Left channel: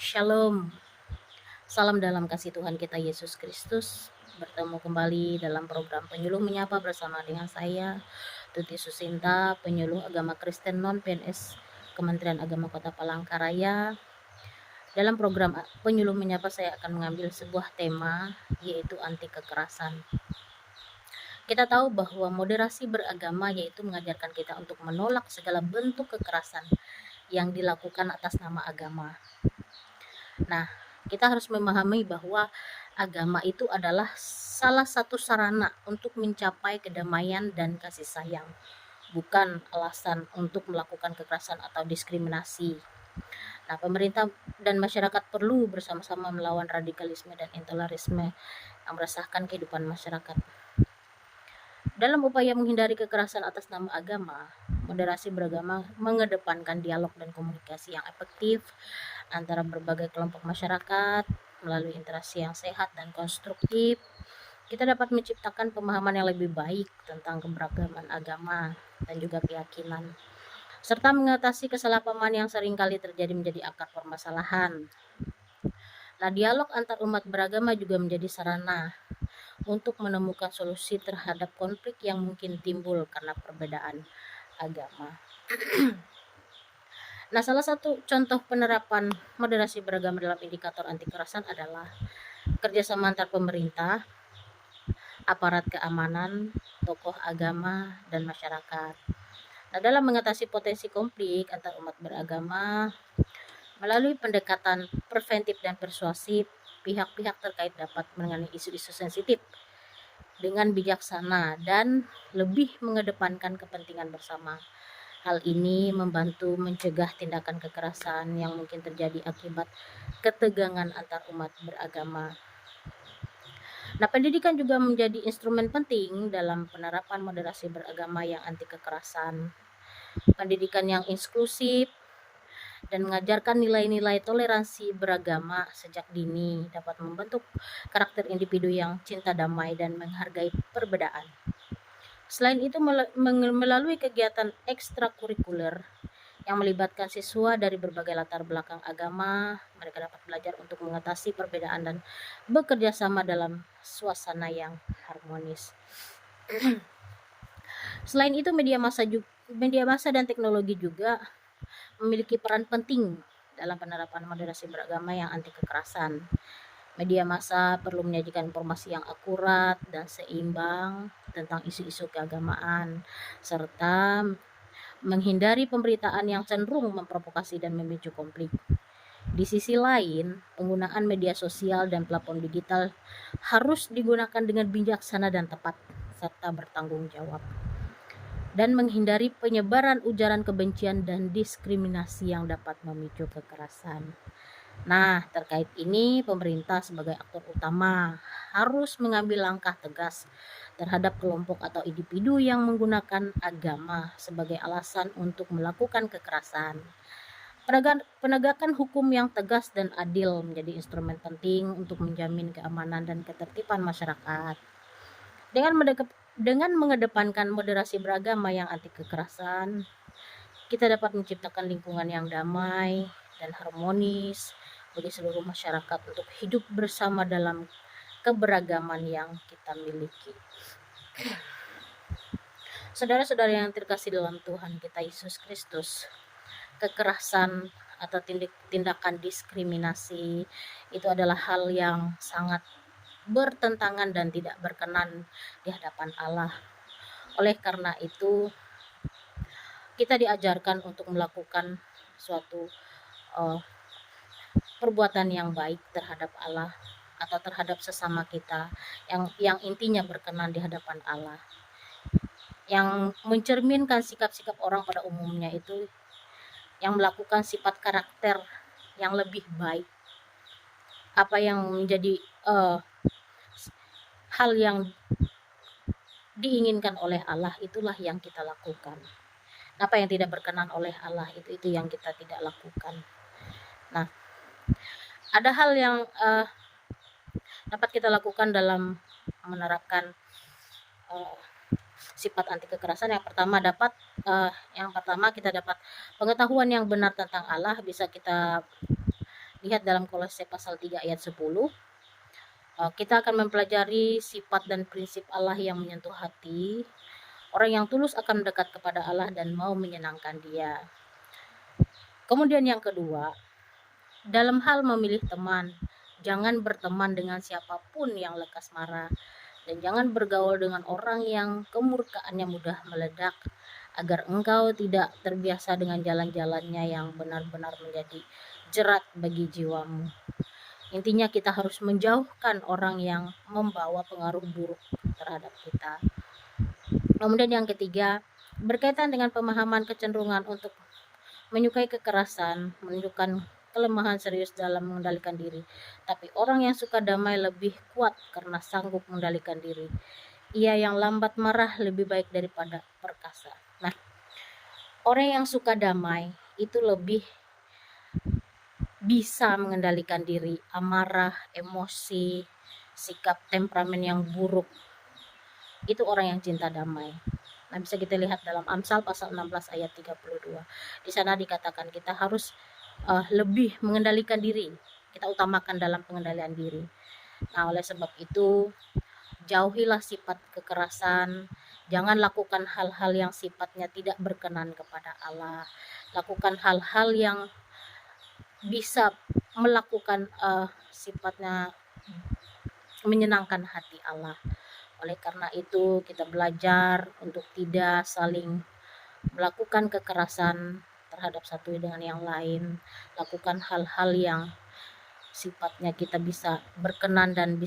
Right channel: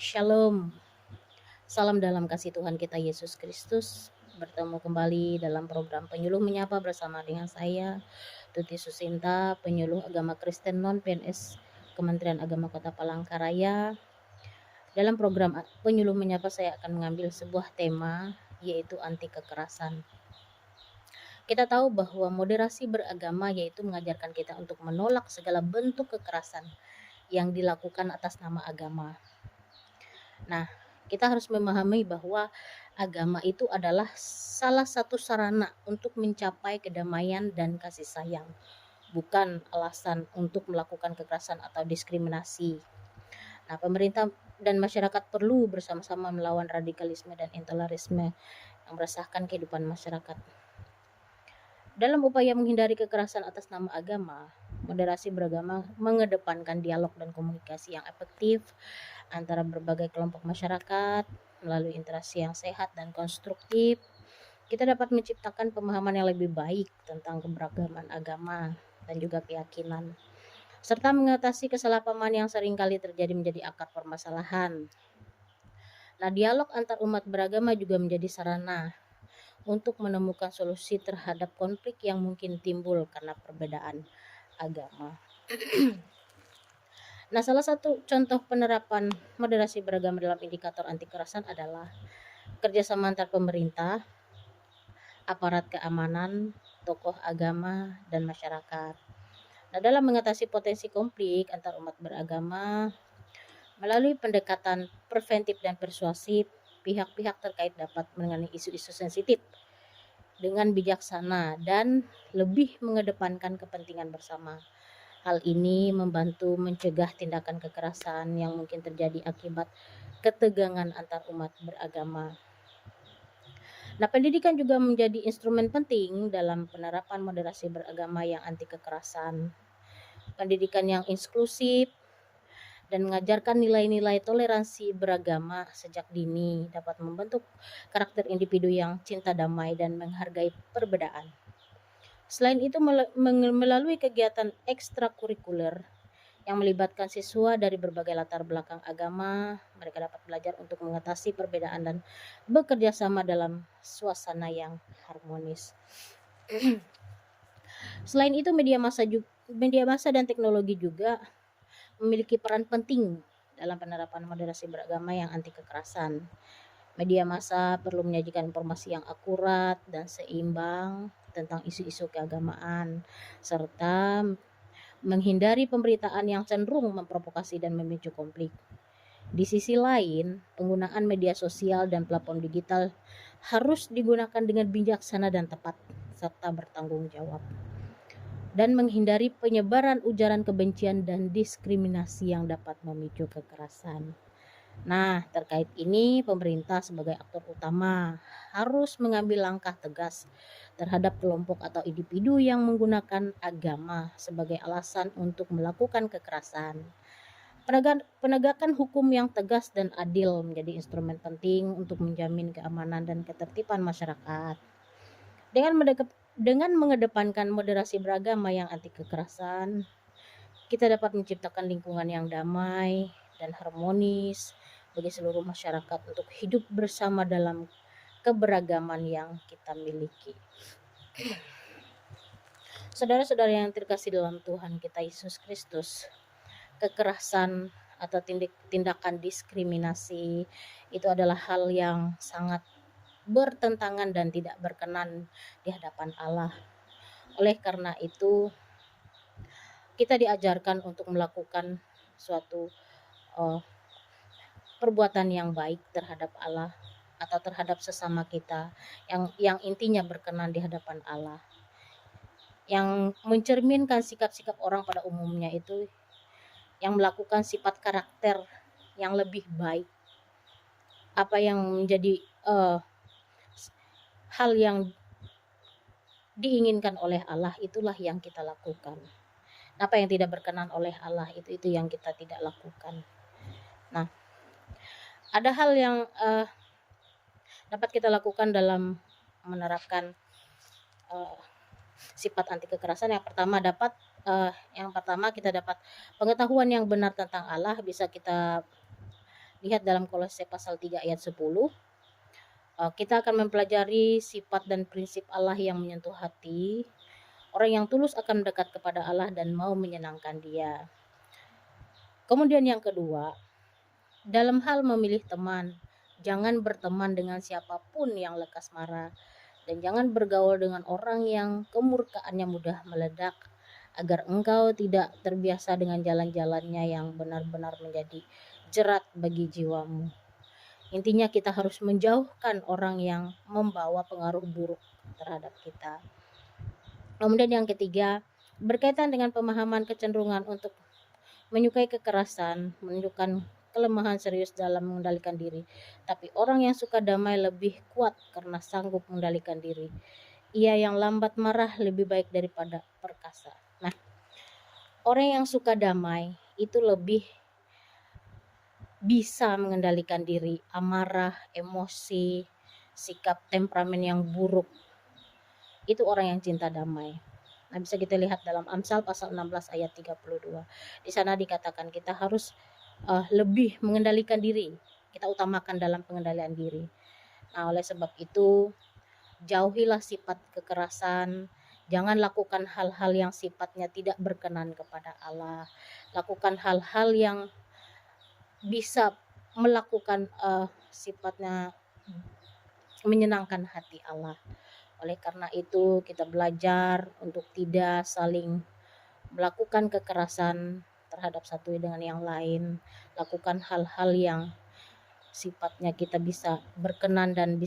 Shalom, salam dalam kasih Tuhan kita Yesus Kristus. Bertemu kembali dalam program Penyuluh Menyapa bersama dengan saya, Tuti Susinta, penyuluh agama Kristen non-PNS Kementerian Agama Kota Palangkaraya. Dalam program Penyuluh Menyapa saya akan mengambil sebuah tema, yaitu anti kekerasan. Kita tahu bahwa moderasi beragama yaitu mengajarkan kita untuk menolak segala bentuk kekerasan yang dilakukan atas nama agama. Nah, kita harus memahami bahwa agama itu adalah salah satu sarana untuk mencapai kedamaian dan kasih sayang, bukan alasan untuk melakukan kekerasan atau diskriminasi. Nah, pemerintah dan masyarakat perlu bersama-sama melawan radikalisme dan intoleransi yang meresahkan kehidupan masyarakat. Dalam upaya menghindari kekerasan atas nama agama, moderasi beragama mengedepankan dialog dan komunikasi yang efektif antara berbagai kelompok masyarakat. Melalui interaksi yang sehat dan konstruktif, kita dapat menciptakan pemahaman yang lebih baik tentang keberagaman agama dan juga keyakinan, serta mengatasi kesalahpahaman yang seringkali terjadi menjadi akar permasalahan. Nah, dialog antar umat beragama juga menjadi sarana untuk menemukan solusi terhadap konflik yang mungkin timbul karena perbedaan agama. Nah, salah satu contoh penerapan moderasi beragama dalam indikator anti kekerasan adalah kerjasama antar pemerintah, aparat keamanan, tokoh agama, dan masyarakat. Nah, dalam mengatasi potensi konflik antar umat beragama, melalui pendekatan preventif dan persuasif, pihak-pihak terkait dapat menangani isu-isu sensitif dengan bijaksana dan lebih mengedepankan kepentingan bersama. Hal ini membantu mencegah tindakan kekerasan yang mungkin terjadi akibat ketegangan antar umat beragama. Nah, pendidikan juga menjadi instrumen penting dalam penerapan moderasi beragama yang anti kekerasan. Pendidikan yang inklusif dan mengajarkan nilai-nilai toleransi beragama sejak dini dapat membentuk karakter individu yang cinta damai dan menghargai perbedaan. Selain itu, melalui kegiatan ekstrakurikuler yang melibatkan siswa dari berbagai latar belakang agama, mereka dapat belajar untuk mengatasi perbedaan dan bekerja sama dalam suasana yang harmonis. Selain itu, media massa dan teknologi juga memiliki peran penting dalam penerapan moderasi beragama yang anti kekerasan. Media massa perlu menyajikan informasi yang akurat dan seimbang tentang isu-isu keagamaan, serta menghindari pemberitaan yang cenderung memprovokasi dan memicu konflik. Di sisi lain, penggunaan media sosial dan platform digital harus digunakan dengan bijaksana dan tepat, serta bertanggung jawab, dan menghindari penyebaran ujaran kebencian dan diskriminasi yang dapat memicu kekerasan. Nah, terkait ini, pemerintah sebagai aktor utama harus mengambil langkah tegas terhadap kelompok atau individu yang menggunakan agama sebagai alasan untuk melakukan kekerasan. Penegakan hukum yang tegas dan adil menjadi instrumen penting untuk menjamin keamanan dan ketertiban masyarakat. Dengan mengedepankan moderasi beragama yang anti kekerasan, kita dapat menciptakan lingkungan yang damai dan harmonis bagi seluruh masyarakat untuk hidup bersama dalam keberagaman yang kita miliki. Saudara-saudara yang terkasih dalam Tuhan kita Yesus Kristus, kekerasan atau tindakan diskriminasi itu adalah hal yang sangat bertentangan dan tidak berkenan di hadapan Allah. Oleh karena itu, kita diajarkan untuk melakukan suatu perbuatan yang baik terhadap Allah atau terhadap sesama kita yang intinya berkenan di hadapan Allah. Yang mencerminkan sikap-sikap orang pada umumnya itu yang melakukan sifat karakter yang lebih baik. Apa yang menjadi hal yang diinginkan oleh Allah itulah yang kita lakukan. Apa yang tidak berkenan oleh Allah itu yang kita tidak lakukan. Nah, ada hal yang dapat kita lakukan dalam menerapkan sifat anti kekerasan. Yang pertama kita dapat pengetahuan yang benar tentang Allah, bisa kita lihat dalam Kolose pasal 3 ayat 10, kita akan mempelajari sifat dan prinsip Allah yang menyentuh hati. Orang yang tulus akan mendekat kepada Allah dan mau menyenangkan Dia. Kemudian yang kedua, dalam hal memilih teman, jangan berteman dengan siapapun yang lekas marah, dan jangan bergaul dengan orang yang kemurkaannya mudah meledak, agar engkau tidak terbiasa dengan jalan-jalannya yang benar-benar menjadi jerat bagi jiwamu. Intinya kita harus menjauhkan orang yang membawa pengaruh buruk terhadap kita. Kemudian yang ketiga, berkaitan dengan pemahaman kecenderungan untuk menyukai kekerasan, menunjukkan kelemahan serius dalam mengendalikan diri. Tapi orang yang suka damai lebih kuat karena sanggup mengendalikan diri. Ia yang lambat marah lebih baik daripada perkasa. Nah, orang yang suka damai itu lebih bisa mengendalikan diri, amarah, emosi, sikap temperamen yang buruk. Itu orang yang cinta damai. Nah, bisa kita lihat dalam Amsal pasal 16 ayat 32. Di sana dikatakan kita harus lebih mengendalikan diri. Kita utamakan dalam pengendalian diri. Nah, oleh sebab itu, jauhilah sifat kekerasan. Jangan lakukan hal-hal yang sifatnya tidak berkenan kepada Allah. Lakukan hal-hal yang bisa melakukan sifatnya menyenangkan hati Allah. Oleh karena itu, kita belajar untuk tidak saling melakukan kekerasan terhadap satu dengan yang lain. Lakukan hal-hal yang sifatnya kita bisa berkenan dan